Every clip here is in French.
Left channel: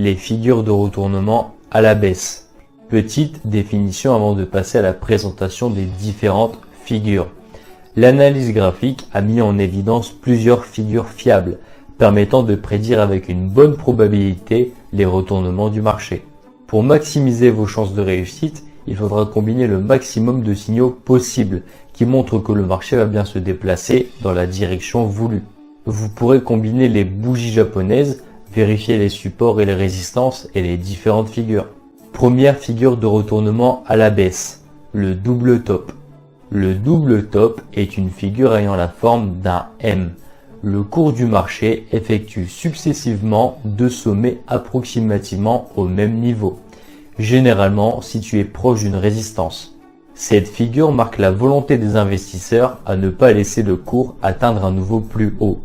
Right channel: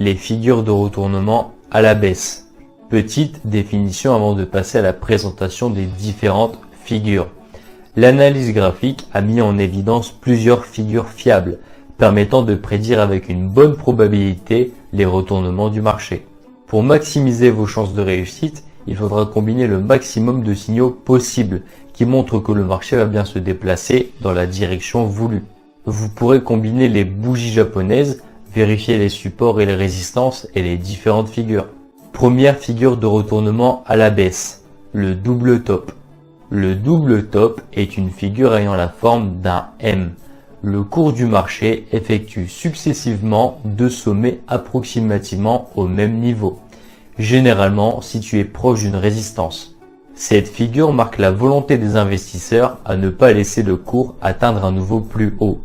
Les figures de retournement à la baisse. Petite définition avant de passer à la présentation des différentes figures. L'analyse graphique a mis en évidence plusieurs figures fiables, permettant de prédire avec une bonne probabilité les retournements du marché. Pour maximiser vos chances de réussite, il faudra combiner le maximum de signaux possibles qui montrent que le marché va bien se déplacer dans la direction voulue. Vous pourrez combiner les bougies japonaises, vérifier les supports et les résistances et les différentes figures. Première figure de retournement à la baisse, le double top. Le double top est une figure ayant la forme d'un M. Le cours du marché effectue successivement deux sommets approximativement au même niveau, généralement situés proches d'une résistance. Cette figure marque la volonté des investisseurs à ne pas laisser le cours atteindre un niveau plus haut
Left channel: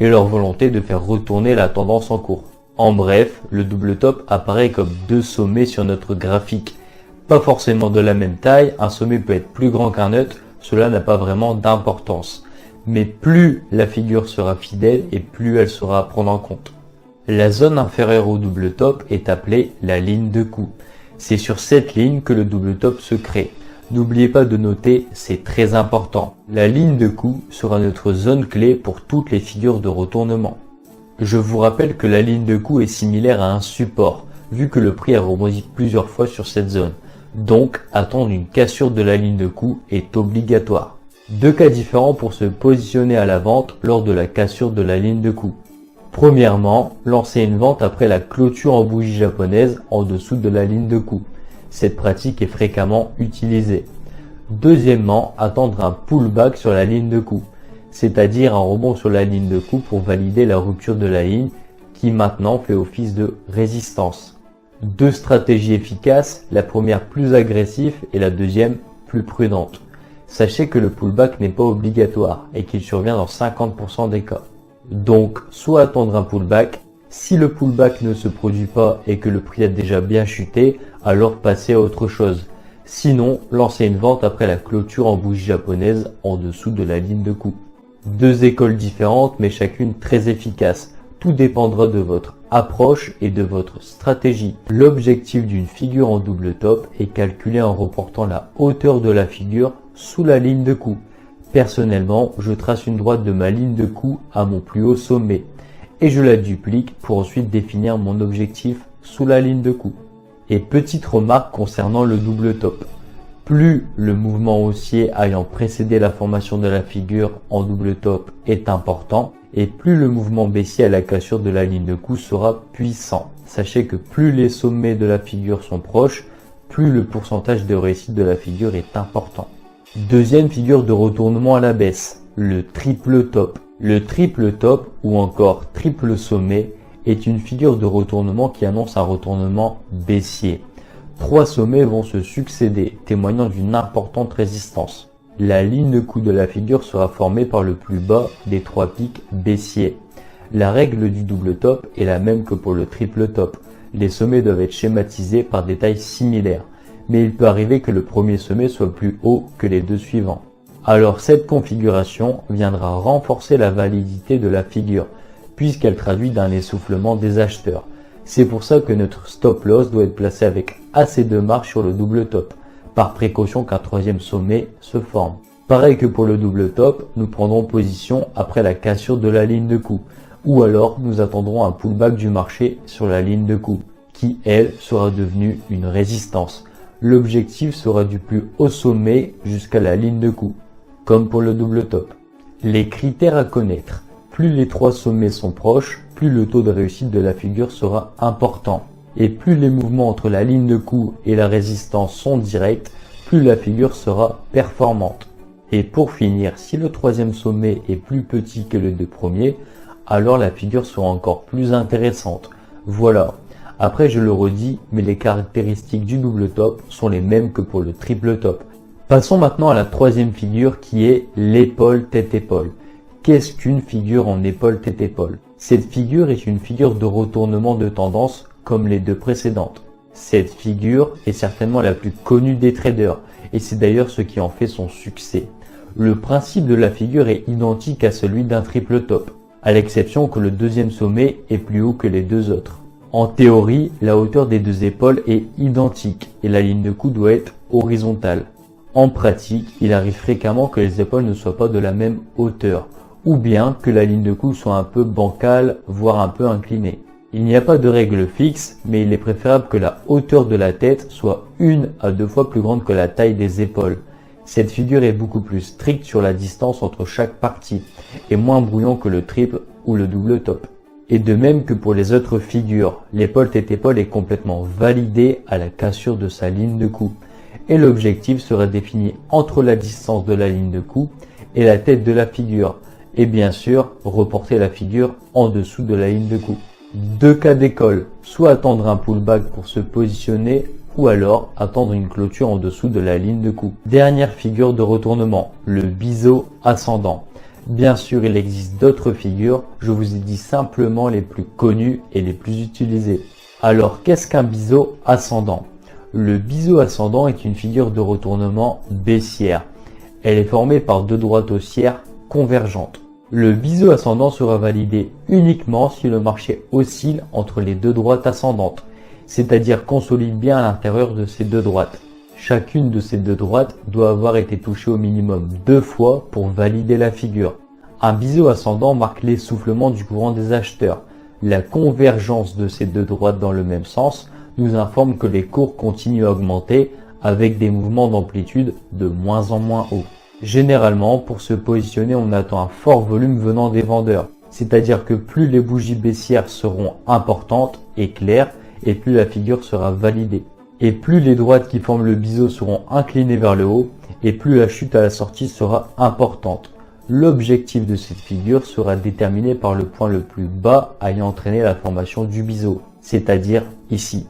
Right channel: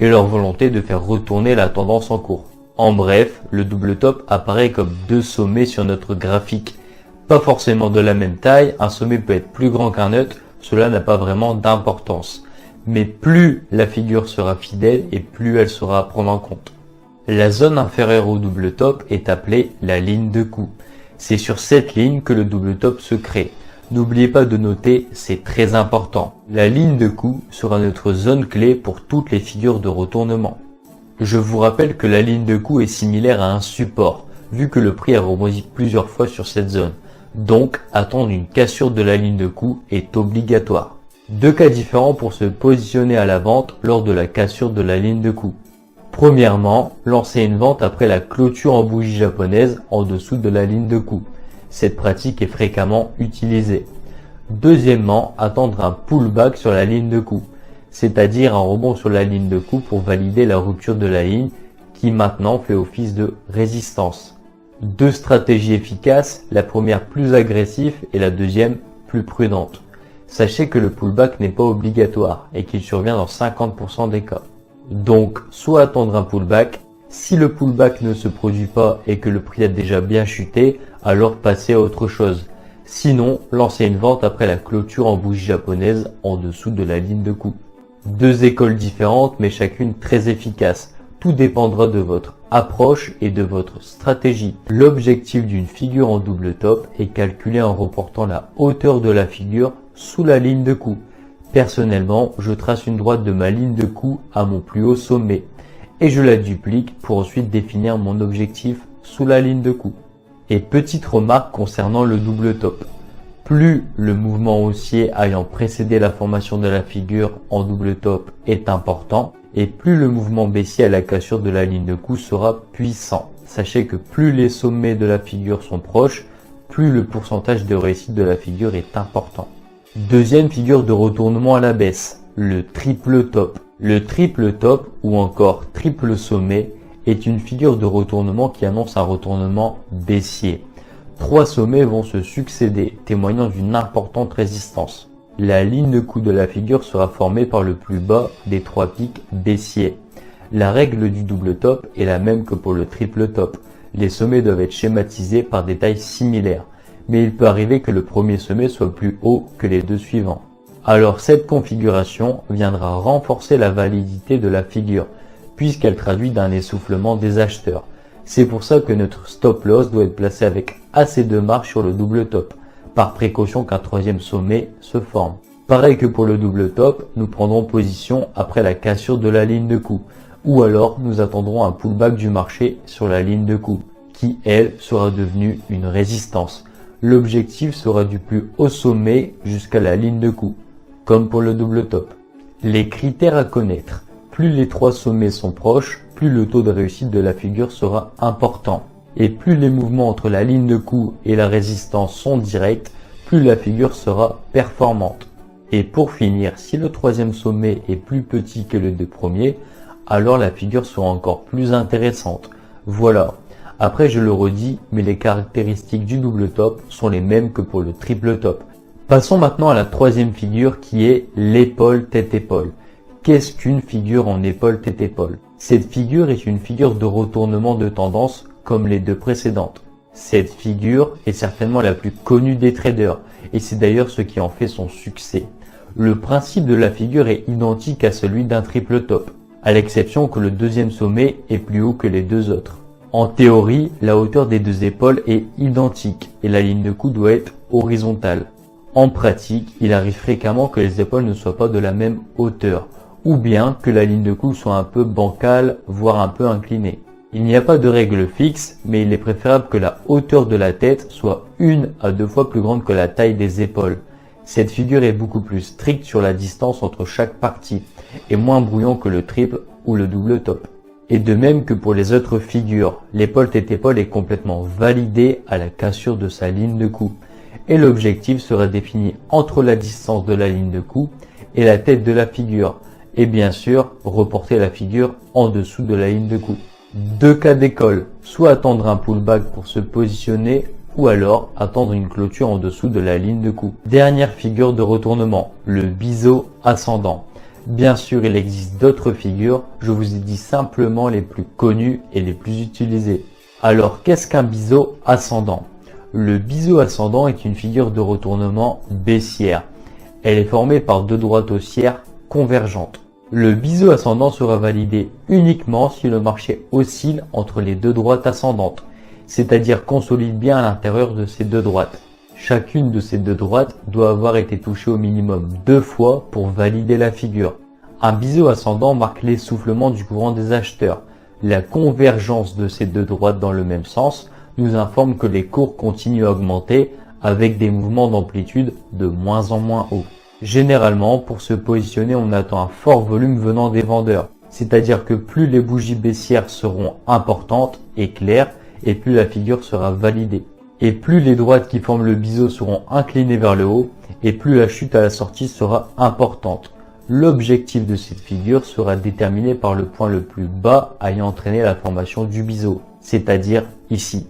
et leur volonté de faire retourner la tendance en cours. En bref, le double top apparaît comme deux sommets sur notre graphique. Pas forcément de la même taille, un sommet peut être plus grand qu'un autre, cela n'a pas vraiment d'importance. Mais plus la figure sera fidèle et plus elle sera à prendre en compte. La zone inférieure au double top est appelée la ligne de coup. C'est sur cette ligne que le double top se crée. N'oubliez pas de noter, c'est très important. La ligne de coup sera notre zone clé pour toutes les figures de retournement. Je vous rappelle que la ligne de coup est similaire à un support, vu que le prix a rebondi plusieurs fois sur cette zone. Donc, attendre une cassure de la ligne de coup est obligatoire. Deux cas différents pour se positionner à la vente lors de la cassure de la ligne de coup. Premièrement, lancer une vente après la clôture en bougie japonaise en dessous de la ligne de coup. Cette pratique est fréquemment utilisée. Deuxièmement, attendre un pullback sur la ligne de coup, c'est-à-dire un rebond sur la ligne de coup pour valider la rupture de la ligne qui maintenant fait office de résistance. Deux stratégies efficaces, la première plus agressive et la deuxième plus prudente. Sachez que le pullback n'est pas obligatoire et qu'il survient dans 50% des cas. Donc, soit attendre un pullback, si le pullback ne se produit pas et que le prix est déjà bien chuté, alors passez à autre chose. Sinon, lancez une vente après la clôture en bougie japonaise en dessous de la ligne de coup. Deux écoles différentes mais chacune très efficaces. Tout dépendra de votre approche et de votre stratégie. L'objectif d'une figure en double top est calculé en reportant la hauteur de la figure sous la ligne de coup. Personnellement, je trace une droite de ma ligne de coup à mon plus haut sommet et je la duplique pour ensuite définir mon objectif sous la ligne de coup. Et petite remarque concernant le double top. Plus le mouvement haussier ayant précédé la formation de la figure en double top est important et plus le mouvement baissier à la cassure de la ligne de coup sera puissant. Sachez que plus les sommets de la figure sont proches, plus le pourcentage de réussite de la figure est important. Deuxième figure de retournement à la baisse, le triple top. Le triple top ou encore triple sommet est une figure de retournement qui annonce un retournement baissier. Trois sommets vont se succéder, témoignant d'une importante résistance. La ligne de coup de la figure sera formée par le plus bas des trois pics baissiers. La règle du double top est la même que pour le triple top. Les sommets doivent être schématisés par des tailles similaires, mais il peut arriver que le premier sommet soit plus haut que les deux suivants. Alors cette configuration viendra renforcer la validité de la figure, puisqu'elle traduit d'un essoufflement des acheteurs. C'est pour ça que notre stop loss doit être placé avec assez de marge sur le double top, par précaution qu'un troisième sommet se forme. Pareil que pour le double top, nous prendrons position après la cassure de la ligne de coup, ou alors nous attendrons un pullback du marché sur la ligne de coup, qui elle sera devenue une résistance. L'objectif sera du plus haut sommet jusqu'à la ligne de coup, comme pour le double top. Les critères à connaître. Plus les trois sommets sont proches, plus le taux de réussite de la figure sera important. Et plus les mouvements entre la ligne de coup et la résistance sont directs, plus la figure sera performante. Et pour finir, si le troisième sommet est plus petit que les deux premiers, alors la figure sera encore plus intéressante. Voilà. Après, je le redis, mais les caractéristiques du double top sont les mêmes que pour le triple top. Passons maintenant à la troisième figure qui est l'épaule tête-épaule. Qu'est-ce qu'une figure en épaule tête-épaule? Cette figure est une figure de retournement de tendance comme les deux précédentes. Cette figure est certainement la plus connue des traders et c'est d'ailleurs ce qui en fait son succès. Le principe de la figure est identique à celui d'un triple top, à l'exception que le deuxième sommet est plus haut que les deux autres. En théorie, la hauteur des deux épaules est identique et la ligne de cou doit être horizontale. En pratique, il arrive fréquemment que les épaules ne soient pas de la même hauteur, ou bien que la ligne de cou soit un peu bancale, voire un peu inclinée. Il n'y a pas de règle fixe, mais il est préférable que la hauteur de la tête soit 1 à 2 fois plus grande que la taille des épaules. Cette figure est beaucoup plus stricte sur la distance entre chaque partie, et moins brouillon que le triple ou le double top. Et de même que pour les autres figures, l'épaule tête-épaule est complètement validée à la cassure de sa ligne de cou. Et l'objectif sera défini entre la distance de la ligne de cou et la tête de la figure. Et bien sûr, reporter la figure en dessous de la ligne de cou. Deux cas d'école, soit attendre un pullback pour se positionner, ou alors attendre une clôture en dessous de la ligne de cou. Dernière figure de retournement, le biseau ascendant. Bien sûr, il existe d'autres figures, je vous ai dit simplement les plus connues et les plus utilisées. Alors, qu'est-ce qu'un biseau ascendant? Le biseau ascendant est une figure de retournement baissière. Elle est formée par deux droites haussières convergentes. Le biseau ascendant sera validé uniquement si le marché oscille entre les deux droites ascendantes, c'est-à-dire consolide bien à l'intérieur de ces deux droites. Chacune de ces deux droites doit avoir été touchée au minimum 2 fois pour valider la figure. Un biseau ascendant marque l'essoufflement du courant des acheteurs. La convergence de ces deux droites dans le même sens nous informe que les cours continuent à augmenter avec des mouvements d'amplitude de moins en moins hauts. Généralement, pour se positionner, on attend un fort volume venant des vendeurs. C'est-à-dire que plus les bougies baissières seront importantes et claires, et plus la figure sera validée. Et plus les droites qui forment le biseau seront inclinées vers le haut, et plus la chute à la sortie sera importante. L'objectif de cette figure sera déterminé par le point le plus bas ayant entraîné la formation du biseau, c'est-à-dire ici.